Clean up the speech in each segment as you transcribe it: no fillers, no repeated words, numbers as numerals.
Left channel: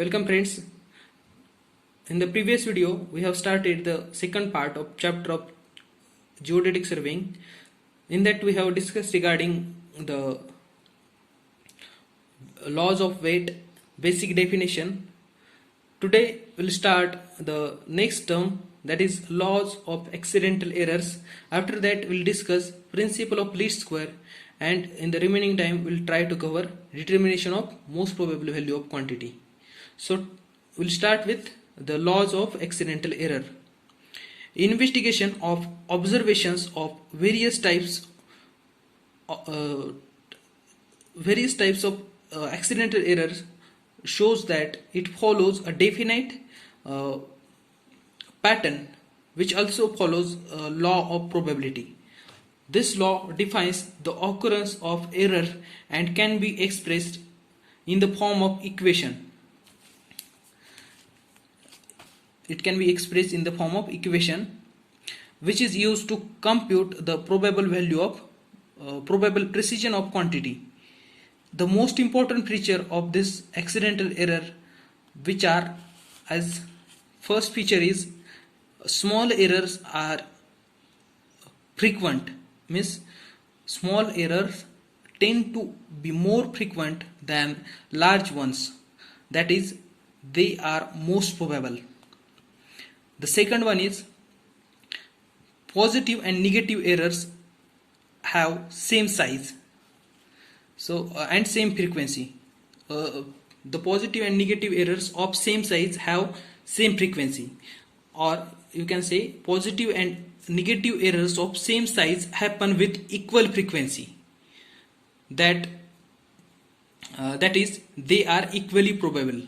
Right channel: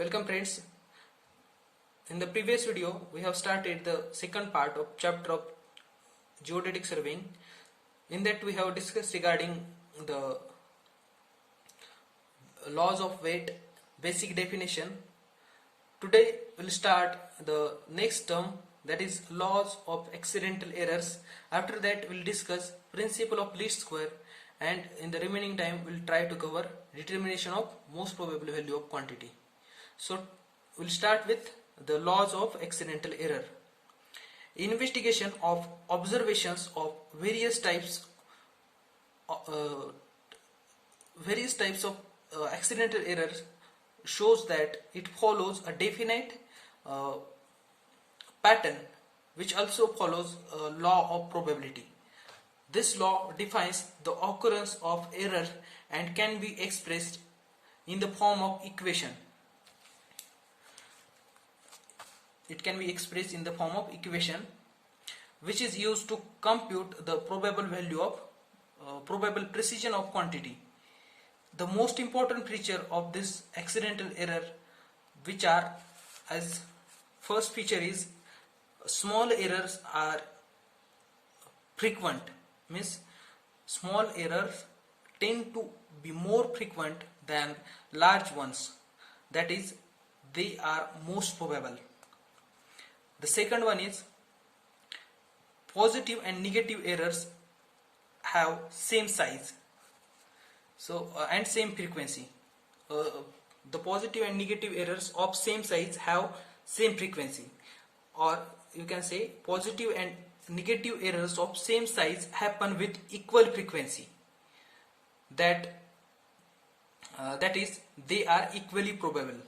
Welcome friends. In the previous video we have started the second part of chapter of geodetic surveying. In that we have discussed regarding the laws of weight, basic definition. Today we'll start the next term, that is laws of accidental errors. After that we'll discuss principle of least square, and in the remaining time we'll try to cover determination of most probable value of quantity. So we'll start with the laws of accidental error. Investigation of observations of various types of accidental errors shows that it follows a definite pattern which also follows a law of probability. This law defines the occurrence of error and can be expressed in the form of equation. It can be expressed in the form of equation which is used to compute the probable value of probable precision of quantity. The most important feature of this accidental error, which are as first feature is small errors are frequent, means small errors tend to be more frequent than large ones, that is they are most probable. The second one is positive and negative errors have same size, so and same frequency. The positive and negative errors of same size have same frequency, or you can say positive and negative errors of same size happen with equal frequency, that is they are equally probable.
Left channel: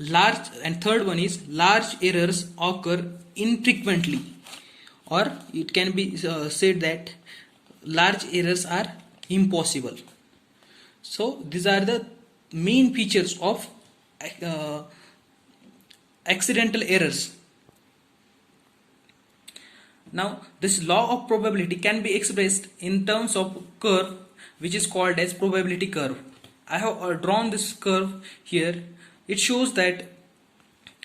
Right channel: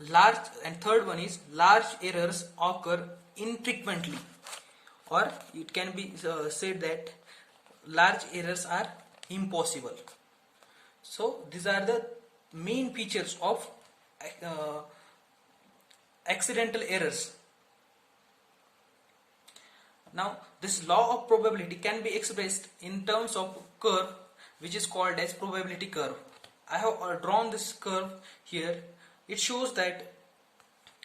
Large, and third one is large errors occur infrequently, or it can be said that large errors are impossible. So these are the main features of accidental errors. Now this law of probability can be expressed in terms of curve which is called as probability curve. I have drawn this curve here. It shows that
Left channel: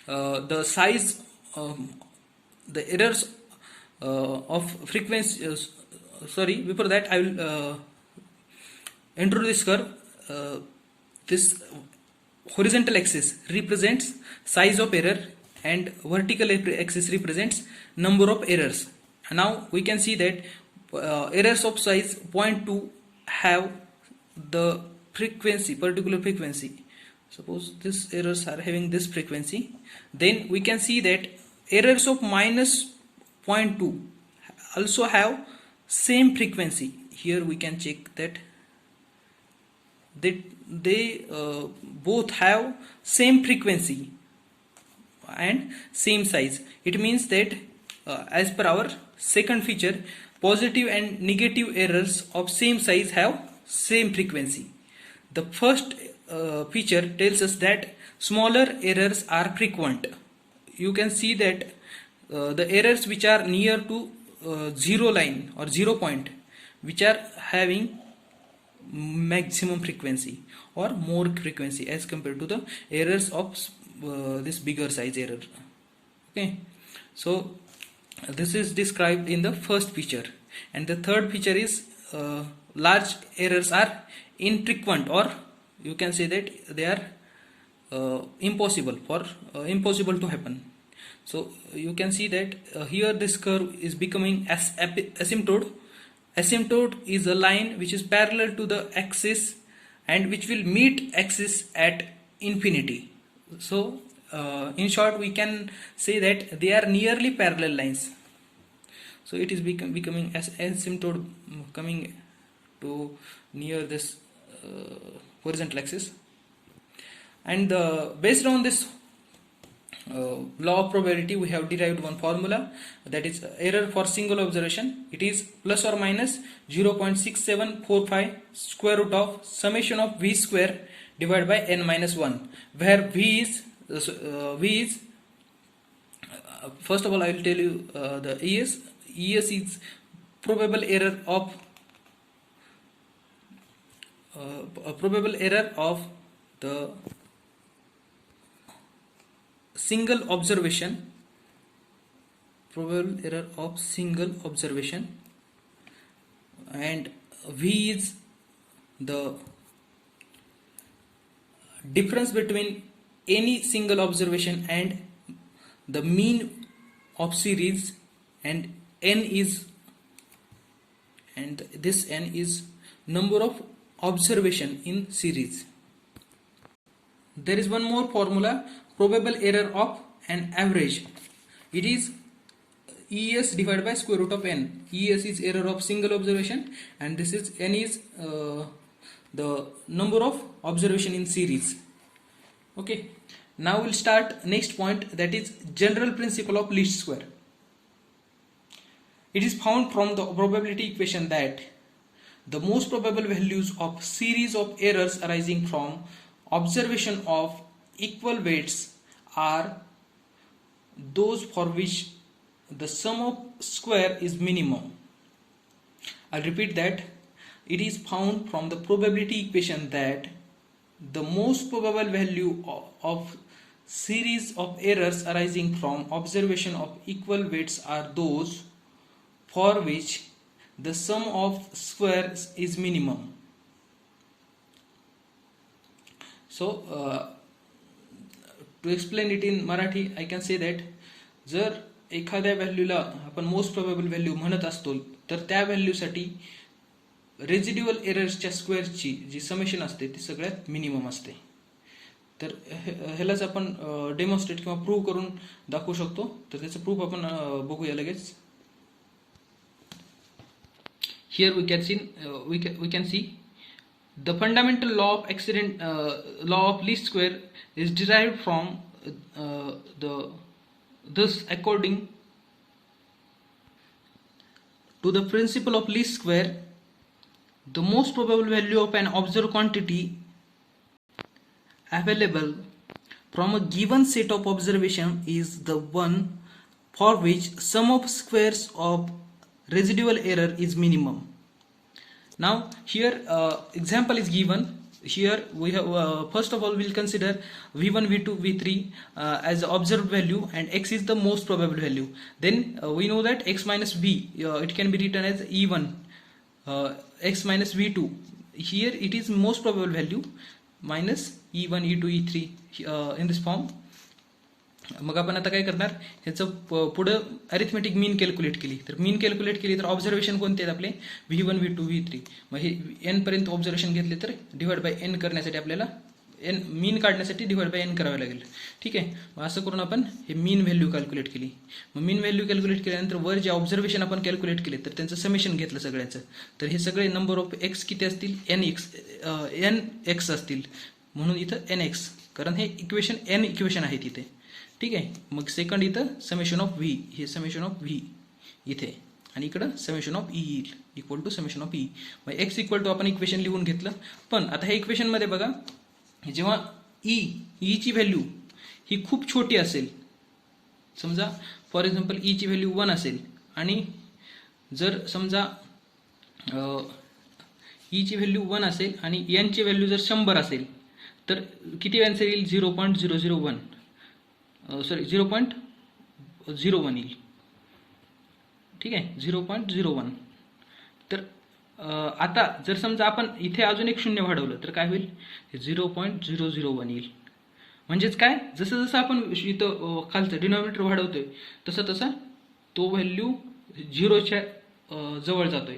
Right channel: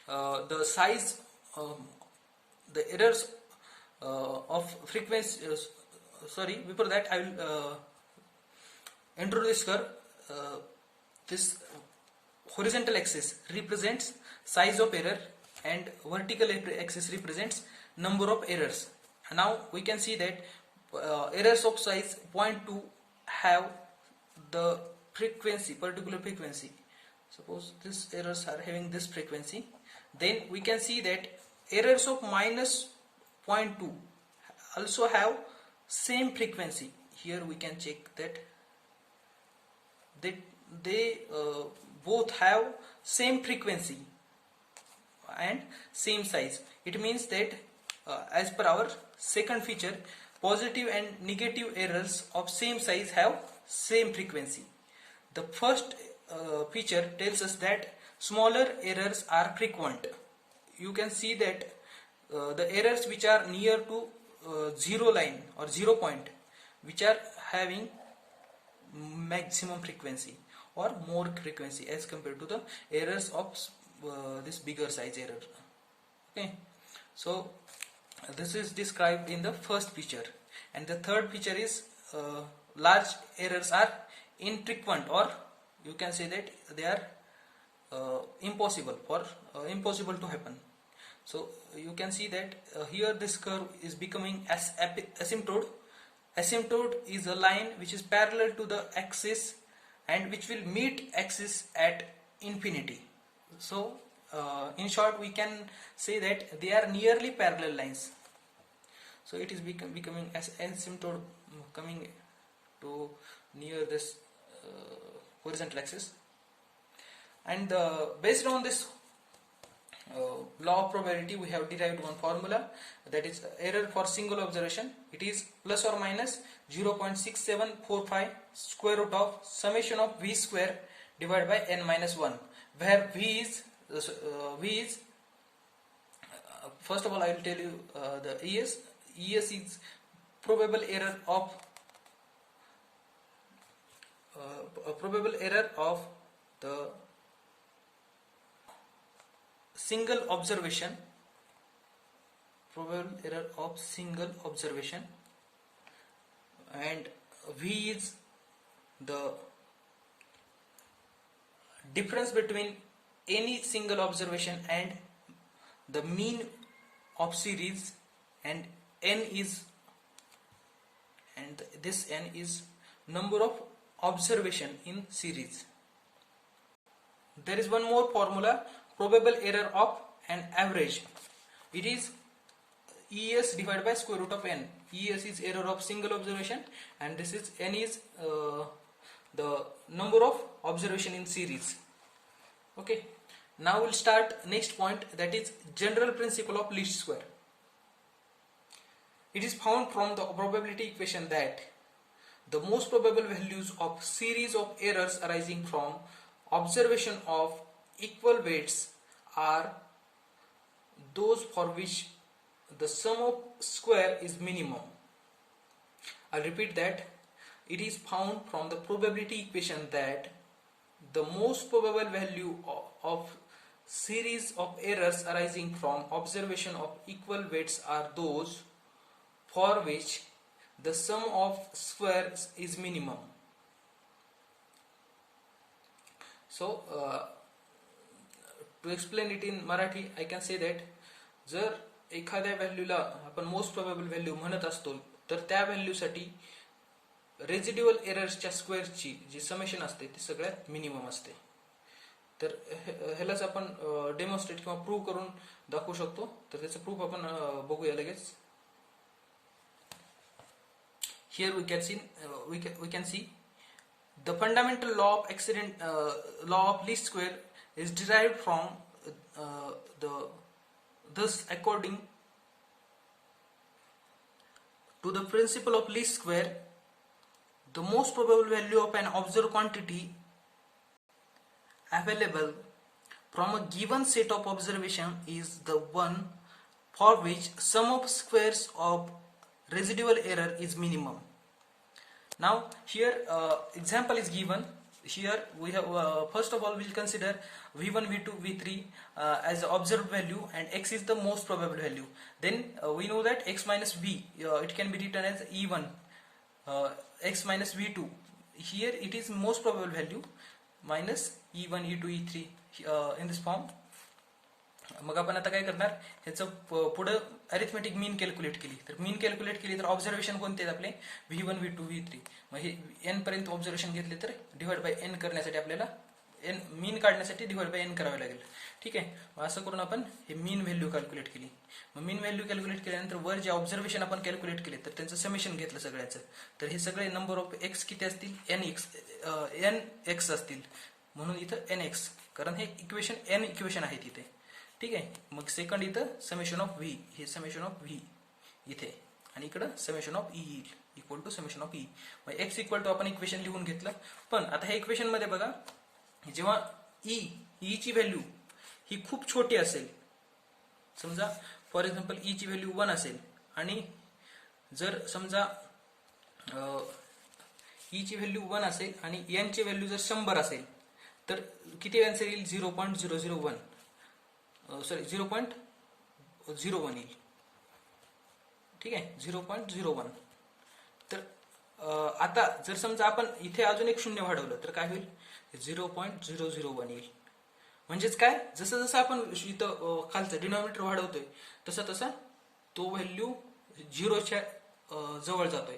the size, the errors of frequency, before that I will introduce curve. This horizontal axis represents size of error and vertical axis represents number of errors. Now we can see that errors of size 0.2 have the frequency, particular frequency. Suppose these errors are having this frequency, then we can see that errors of minus 0.2 also have same frequency. Here we can check that they both have same frequency and same size. It means that as per our second feature, positive and negative errors of same size have same frequency. The first feature tells us that smaller errors are frequent. You can see that the errors which are near to zero line or 0 point, which are having maximum frequency or more frequency as compared to the errors of this bigger size error. Okay, so this is described in the first feature, and the third feature is large errors are infrequent, or you can say that they are impossible to happen. So you can see that here this curve is becoming asymptote. Asymptote is a line which is parallel to the axis and which will meet axis at infinity. So in short we can say that they are nearly parallel lines. So it is becoming as asymptote, coming to near this horizontal axis, and based on this law of probability we have derived one formula, that is error for single observation. It is plus or minus 0.6745 square root of summation of v square divided by n minus 1, where v is first of all I will tell you the ES is probable error of the single observation, probable error of single observation, and V is the difference between any single observation and the mean of series, and this n is number of observation in series. There is one more formula, probable error of an average. It is ES divided by square root of n. ES is error of single observation, and this is n is the number of observation in series. Okay, now we'll start next point, that is general principle of least square. It is found from the probability equation that the most probable values of series of errors arising from observation of equal weights are those for which the sum of square is minimum. I'll repeat that. It is found from the probability equation that the most probable value of series of errors arising from observation of equal weights are those for which the sum of squares is minimum. So to explain it in Marathi, I can say that जर एखाद्या व्हॅल्यूला आपण most probable value म्हणत असतो, तर त्या व्हॅल्यूसाठी रेजिड्युअल एरर्सच्या स्क्वेअरची जी summation असते ती सगळ्यात मिनिमम असते. तर ह्यालाच आपण डेमॉन्स्ट्रेट किंवा प्रूव्ह करून दाखवू शकतो. तर त्याचं प्रूफ आपण बघूया लगेच. Here we can see the fundamental law of least square is derived from thus according to the principle of least square, the most probable value of an observed quantity available from a given set of observation is the one for which sum of squares of residual error is minimum. Now here example is given. Here we have first of all we'll consider v1, v2, v3 as the observed value, and x is the most probable value. Then we know that x minus v it can be written as e1, x minus v2. Here it is most probable value minus e1, e2, e3 in this form. मग आपण आता काय करणार, ह्याचं पुढं arithmetic मीन calculate केली. तर मीन calculate केली तर ऑब्झर्वेशन कोणते आहेत आपले v1, v2, v3. मग हे n पर्यंत ऑब्झर्वेशन घेतले तर डिवाइड बाय n करण्यासाठी आपल्याला n मीन काढण्यासाठी डिवाइड बाय n करावे लागेल. ठीक आहे, मग असं करून आपण हे मीन व्हॅल्यू कॅल्क्युलेट केली. मग मीन व्हॅल्यू कॅल्क्युलेट केल्यानंतर वर जे ऑब्झर्वेशन आपण कॅल्क्युलेट केले तर त्यांचं समेशन घेतलं सगळ्याचं. तर हे सगळे नंबर ऑफ एक्स किती असतील, n x असतील, म्हणून इथं nx, कारण हे इक्वेशन n इक्वेशन आहे तिथे. ठीक आहे, मग सेकंड इथं समेशन ऑफ व्ही, हे समेशन ऑफ व्ही इथे, आणि इकडं समेशन ऑफ ई येईल equal to summation of E. मग एक्स इक्वल टू आपण इक्वेशन लिहून घेतलं. पण आता ह्या इक्वेशन मध्ये बघा, जेव्हा ई ची व्हॅल्यू ही खूप छोटी असेल, समजा फॉर एक्झाम्पल ई ची व्हॅल्यू 1 असेल, आणि जर समजा ई ची व्हॅल्यू 1 असेल आणि एन ची व्हॅल्यू जर 100 असेल, तर किती आन्सर येईल, 0.001, सॉरी 0.01 येईल. ठीक आहे, 0.01. तर आता जर समजा आपण इथे अजून एक शून्य वाढवलं तर काय होईल, 0.001 येईल. म्हणजेच काय, जसं जसं आपण इथं खालचं डिनॉमिनेटर वाढवतोय तसं तसा तो व्हॅल्यू 0च्या जवळ जातोय.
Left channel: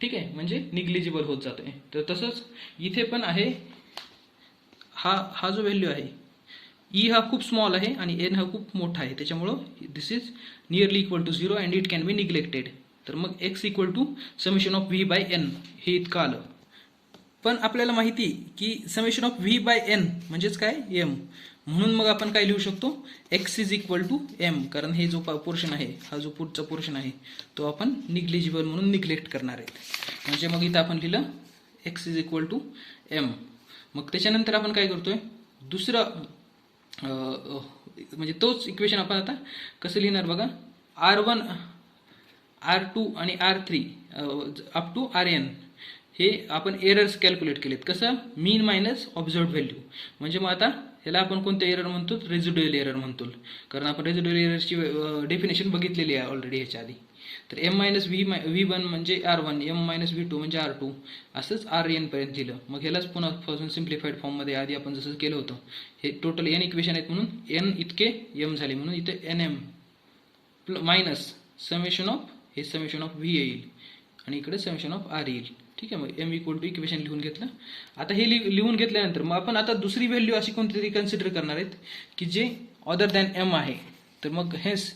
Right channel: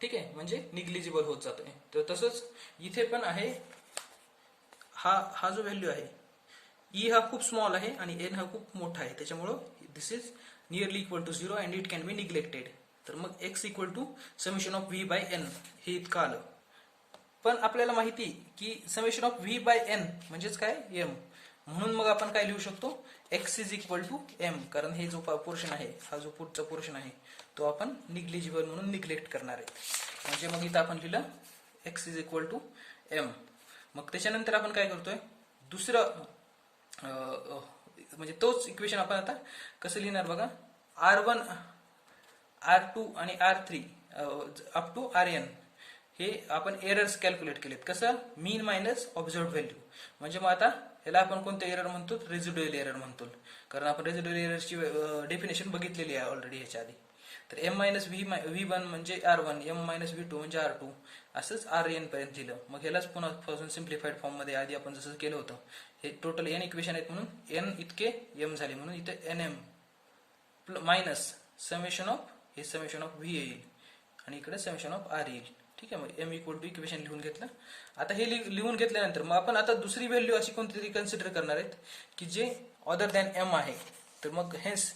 ठीक आहे, म्हणजे निग्लिजिबल होत जातोय. तर तसंच इथे पण आहे, हा जो व्हॅल्यू आहे ई हा खूप स्मॉल आहे आणि एन हा खूप मोठा आहे, त्याच्यामुळं this is nearly equal to 0 and it can be neglected. तर मग X equal to summation of V by N हे इतकं आलं. पण आपल्याला माहिती की summation of V by N म्हणजेच काय, एम. म्हणून मग आपण काय लिहू शकतो, X is equal to M, कारण हे जो पोर्शन आहे, हा जो पुढचा पोर्शन आहे तो आपण निग्लिजिबल म्हणून निग्लेक्ट करणार आहेत. म्हणजे मग इथं आपण लिहिलं X is equal to M. मग त्याच्यानंतर आपण काय करतोय, दुसरं म्हणजे तोच इक्वेशन आपण आता कसं लिहिणार बघा, R1, R2 आणि R3 अप टू Rn हे आपण एरर्स कॅल्क्युलेट केलेत. कसं, मीन मायनस ऑब्झर्व्ड व्हॅल्यू. म्हणजे मग आता ह्याला आपण कोणत्या एरर म्हणतो? रेसिड्युअल एरर म्हणतो, कारण आपण रेसिड्युअल एररची डेफिनेशन बघितलेली आहे ऑलरेडी ह्याच्या आधी. तर एम मायनस V1 म्हणजे R1, एम मायनस V2 म्हणजे R2, असंच RN पर्यंत दिलं. मग ह्यालाच पुन्हा पासून सिम्प्लिफाईड फॉर्ममध्ये आधी आपण जसं केलं होतं, हे टोटल n इक्वेशन आहेत म्हणून n इतके m झाले, म्हणून इथे NM मायनस समेशन ऑफ, हे समेशन ऑफ V येईल आणि इकडे समेशन ऑफ R येईल. ठीक आहे, मग m इक्वल टू इक्वेशन लिहून घेतलं. आता हे लिहून घेतल्यानंतर मग आपण आता दुसरी व्हॅल्यू अशी कोणतीतरी कन्सिडर करणार आहेत की जे अदर दॅन m आहे. तर मग हेच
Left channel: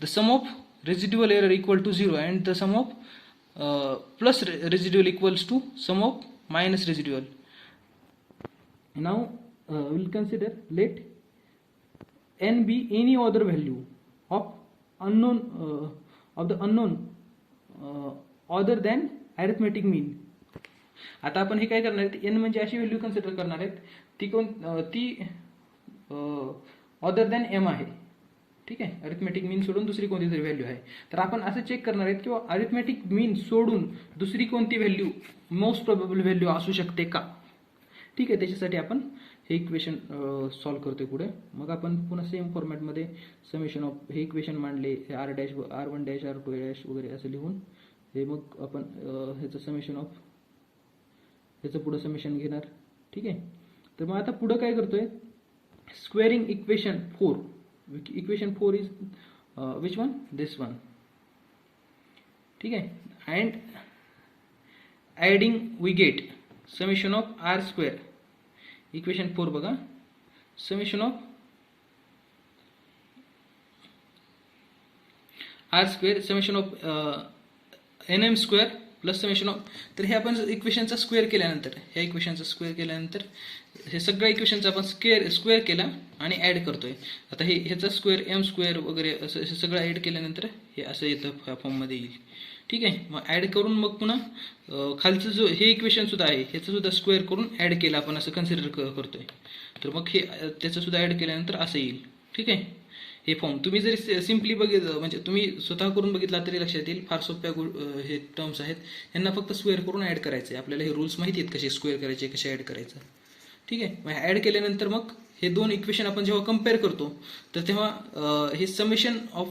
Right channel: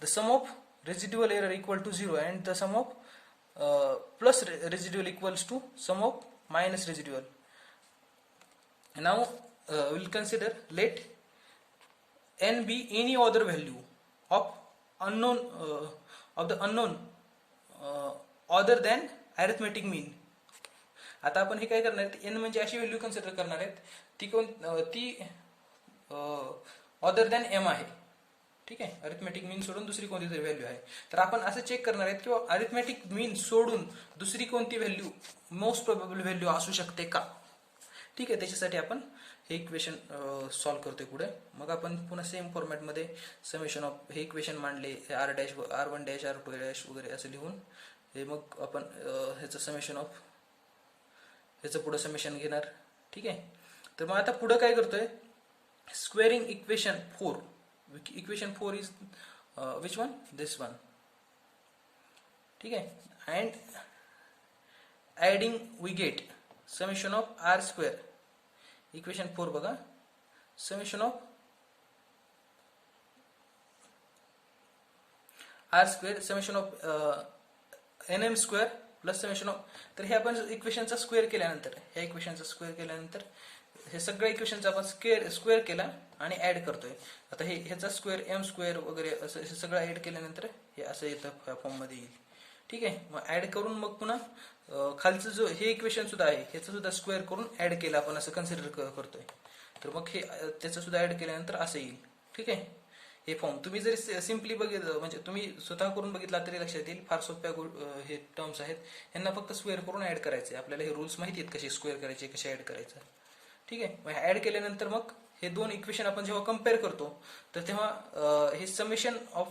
the sum of residual error equal to 0 and the sum of plus residual equals to sum of minus residual. Now we'll consider let n be any other value of unknown of the unknown other than arithmetic mean. आता आपण हे काय करणार आहेत, n म्हणजे अशी value consider करणार आहेत ती अदर दॅन m आहे. ठीक आहे, अरिथमेटिक मीन सोडून दुसरी कोणती तरी व्हॅल्यू आहे. तर आपण असं चेक करणार आहेत किंवा अरिथमेटिक मीन सोडून दुसरी कोणती व्हॅल्यू मोस्ट प्रोबेबल व्हॅल्यू असू शकते का. ठीक आहे, त्याच्यासाठी आपण हे इक्वेशन सॉल्व्ह करतोय पुढे. मग आपण पुन्हा सेम फॉर्मॅटमध्ये समेशन ऑफ हे इक्वेशन मांडले, R dash R1 dash R2 dash वगैरे असं लिहून हे मग आपण ह्याचं समेशन ऑफ ह्याचं पुढं समेशन घेणार. ठीक आहे, तर मग आता पुढं काय करतोय, squaring equation 4. Equation 4 is which one? This one. ठीक है, and adding we get summation of R square. Equation 4 बघा, summation of R square, summation of NM square plus summation of. तर हे आपण इक्वेशनचा स्क्वेअर केल्यानंतर, ह्या इक्वेशनचा स्क्वेअर केल्यानंतर हे सगळ्या इक्वेशनचा आपण स्क्वेअर केला आणि ऍड करतोय. आता हे ह्याचा स्क्वेअर m स्क्वेअर वगैरे असं सगळं ऍड केल्यानंतर हे असं येतं फॉर्ममध्ये येईल. ठीक आहे, मग ऍड करून मग पुन्हा खालचं जो हे इक्वेशन सुद्धा आहे ह्याचं सुद्धा स्क्वेअर करून ऍड केलं आपण असं कन्सिडर करतोय. तर मग हे त्याचं सुद्धा ऍड केल्यानंतर असं येईल. ठीक आहे, हे फॉर्म तुम्ही जरी सिम्पली बघितलं म्हणजे तुम्ही स्वतः करून बघितला तरी लक्षात येईल. फार सोप्या हे टर्म्स आहेत, यांना फक्त स्क्वेअर करून ऍड करायचे. आपल्याला हे रूल्स माहिती आहेत कसे स्क्वेअर करायचे, कसे ऍड करायचं. ठीक आहे, मग ऍड केल्यानंतर मग हे दोन इक्वेशन आपण जेव्हा कम्पेअर करतो तर तेव्हा हे समेशन ऑफ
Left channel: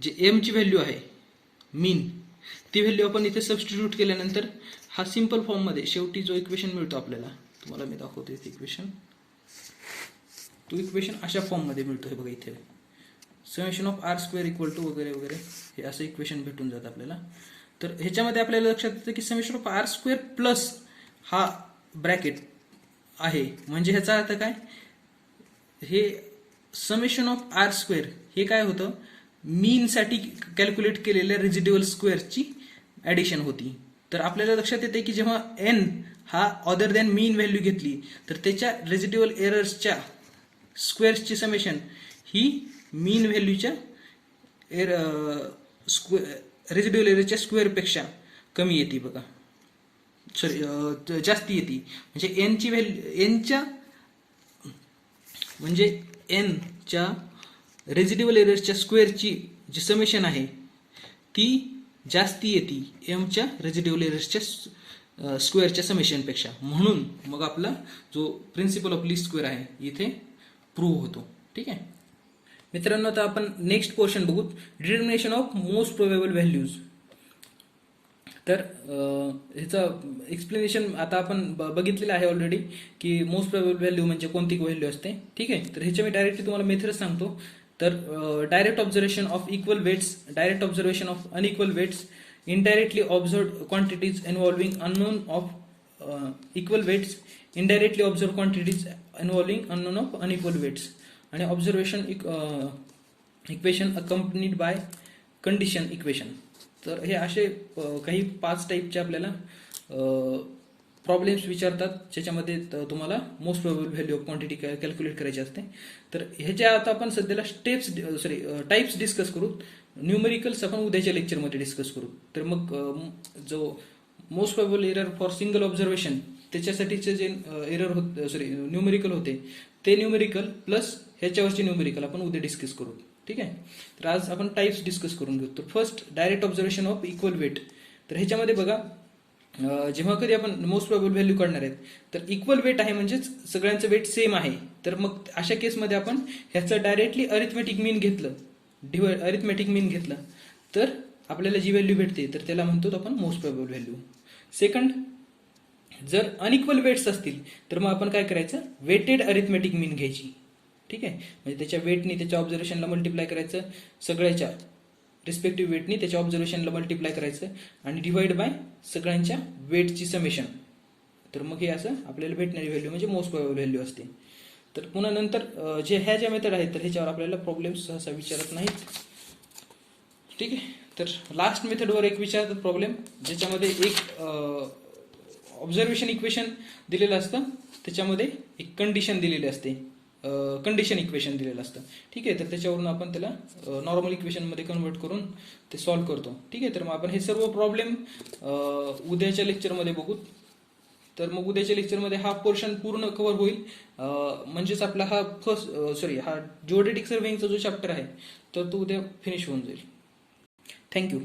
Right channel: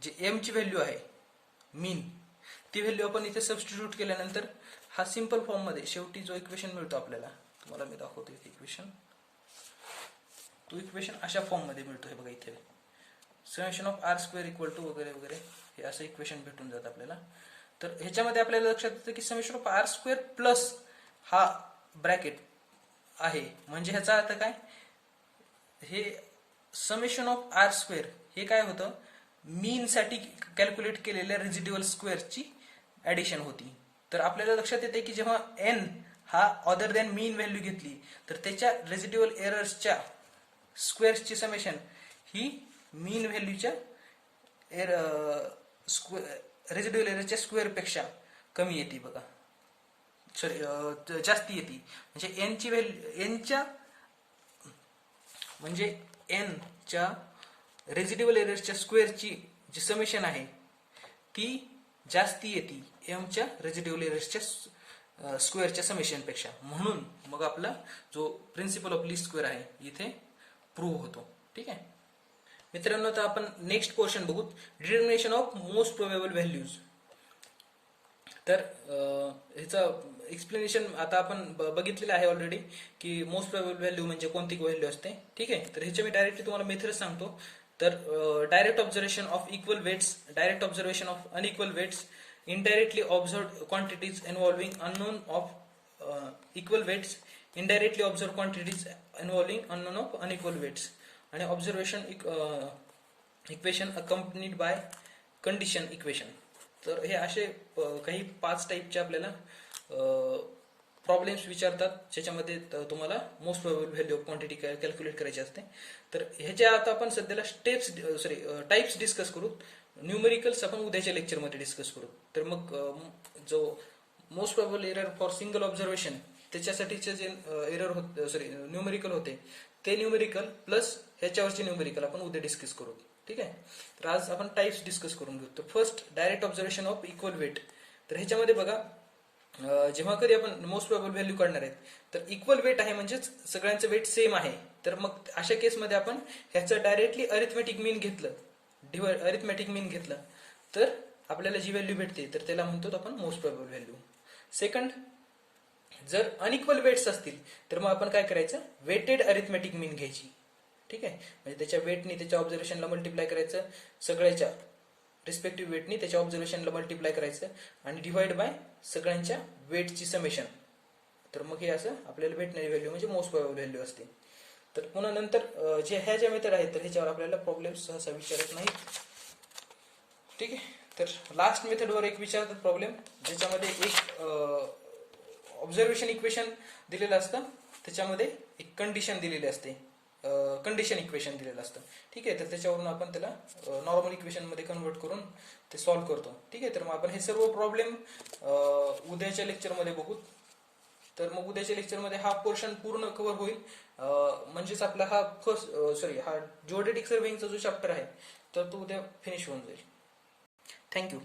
जे एम ची व्हॅल्यू आहे मीन, ती व्हॅल्यू आपण इथे सबस्टिट्यूट केल्यानंतर हा सिंपल फॉर्म मध्ये शेवटी जो इक्वेशन मिळतो आपल्याला, तुम्हाला मी दाखवतो इथे इक्वेशन. तो इक्वेशन अशा फॉर्म मध्ये मिळतो. हे बघा इथे summation of R square equal to वगैरे वगैरे हे असं इक्वेशन भेटून जातं आपल्याला. तर ह्याच्यामध्ये आपल्याला लक्षात येतं की summation of R square plus हा ब्रॅकेट आहे, म्हणजे ह्याचा अर्थ काय, हे समेशन ऑफ R स्क्वेअर हे काय होतं, मीन साठी कॅल्क्युलेट केलेल्या रेसिड्युअल स्क्वेअरची ऍडिशन होती. तर आपल्याला लक्षात येते की जेव्हा n हा अदर दॅन मीन व्हॅल्यू घेतली तर त्याच्या रेसिड्युअल एरर्सच्या स्क्वेअर्सची समेशन ही मीन व्हॅल्यूच्या रेसिड्युअल एररच्या स्क्वेअर पेक्षा कमी येते बघा, सॉरी जास्ती येते. म्हणजे एन ची व्हॅल्यू एनच्या म्हणजे एन च्या रेसिड्युअल एररच्या स्क्वेअरची जी समेशन आहे ती जास्ती येते एमच्या रेसिड्युअल एरर्सच्या स्क्वेअरच्या समेशन पेक्षा. म्हणून मग आपला जो प्रिन्सिपल ऑफ लीस्ट स्क्वेअर आहे इथे प्रूव्ह होतो. ठीक आहे मित्रांनो, आता आपण नेक्स्ट क्वेश्चन बघू, determination of most probable values. तर ह्याचं एक्सप्लेनेशन आता आपण बघितलेलं आहे ऑलरेडी की मोस्ट प्रोबेबल व्हॅल्यू म्हणजे कोणती व्हॅल्यू असते. ठीक आहे, तर ह्याच्या मी डायरेक्टली तुम्हाला मेथड सांगतो. तर direct observation of equal weights, direct observation of unequal weights, indirectly observed quantities involving unknown of equal weights, indirectly observed quantities involving unknown of unequal weights, आणि observation equation accompanied by condition equation. तर हे असे काही 5 टाईपचे आपल्याला problems विचारतात ज्याच्यामध्ये तुम्हाला most probable value of quantity calculate करायची असते. तर ह्याच्या आता आपण सध्याला टाइप्स डिस्कस करू. न्यूमेरिकल्स आपण उद्याच्या लेक्चरमध्ये डिस्कस करू. तर मग जो most probable error for single observation त्याच्यासाठीचे जे एरर होते न्यूमेरिकल होते ते न्यूमेरिकल प्लस ह्याच्यावरचे न्यूमेरिकल आपण उद्या डिस्कस करू. ठीक आहे, तर आज आपण टाइप्स डिस्कस करून घेऊ. तर first direct observation of equal weight. तर ह्याच्यामध्ये बघा जेव्हा कधी आपण मोस्ट प्रोबेबल व्हॅल्यू काढणार आहेत तर इक्वल वेट आहे म्हणजेच सगळ्यांचं वेट सेम आहे, तर मग अशा केसमध्ये आपण ह्याचं डायरेक्टली अरिथमेटिक मीन घेतलं, अरिथमेटिक मीन घेतलं तर आपल्याला जी व्हॅल्यू भेटते तर त्याला म्हणतो आपण मोस्ट प्रोबेबल व्हॅल्यू. सेकंड, जर अनइक्वल वेट्स असतील तर मग आपण काय करायचं, वेटेड अरिथमेटिक मीन घ्यायची. ठीक आहे, म्हणजे त्याच्या वेटनी त्याच्या ऑब्झर्वेशनला मल्टिप्लाय करायचं, सगळ्याच्या रिस्पेक्टिव्ह वेटनी त्याच्या ऑब्झर्वेशनला मल्टिप्लाय करायचं आणि डिवाइड बाय सगळ्यांच्या वेटची समेशन. तर मग हे असं आपल्याला भेटणारी व्हॅल्यू म्हणजे मोस्ट प्रोबेबल व्हॅल्यू असते. तर पुन्हा नंतर ह्या ज्या मेथड आहेत तर ह्याच्यावर आपल्याला प्रॉब्लेम सहसा विचारत नाहीत. ठीक आहे, तर लास्ट मेथडवर एक विचारतात प्रॉब्लेम, ज्याच्यामध्ये एक ऑब्झर्वेशन इक्वेशन दिलेलं असतं, त्याच्यामध्ये एक कंडिशन दिलेली असते, कंडिशन इक्वेशन दिलेलं असतं. ठीक आहे, तर त्याच्यावरून आपण त्याला नॉर्मल इक्वेशनमध्ये कन्वर्ट करून ते सॉल्व्ह करतो. ठीक आहे, तर मग आपण हे सर्व प्रॉब्लेम उद्याच्या लेक्चरमध्ये बघू. तर मग उद्याच्या लेक्चरमध्ये हा पोर्शन पूर्ण कव्हर होईल, म्हणजेच आपला हा हा जिओडेटिक सर्वेइंगचा जो चॅप्टर आहे तर तो उद्या फिनिश होऊन जाईल. थँक्यू.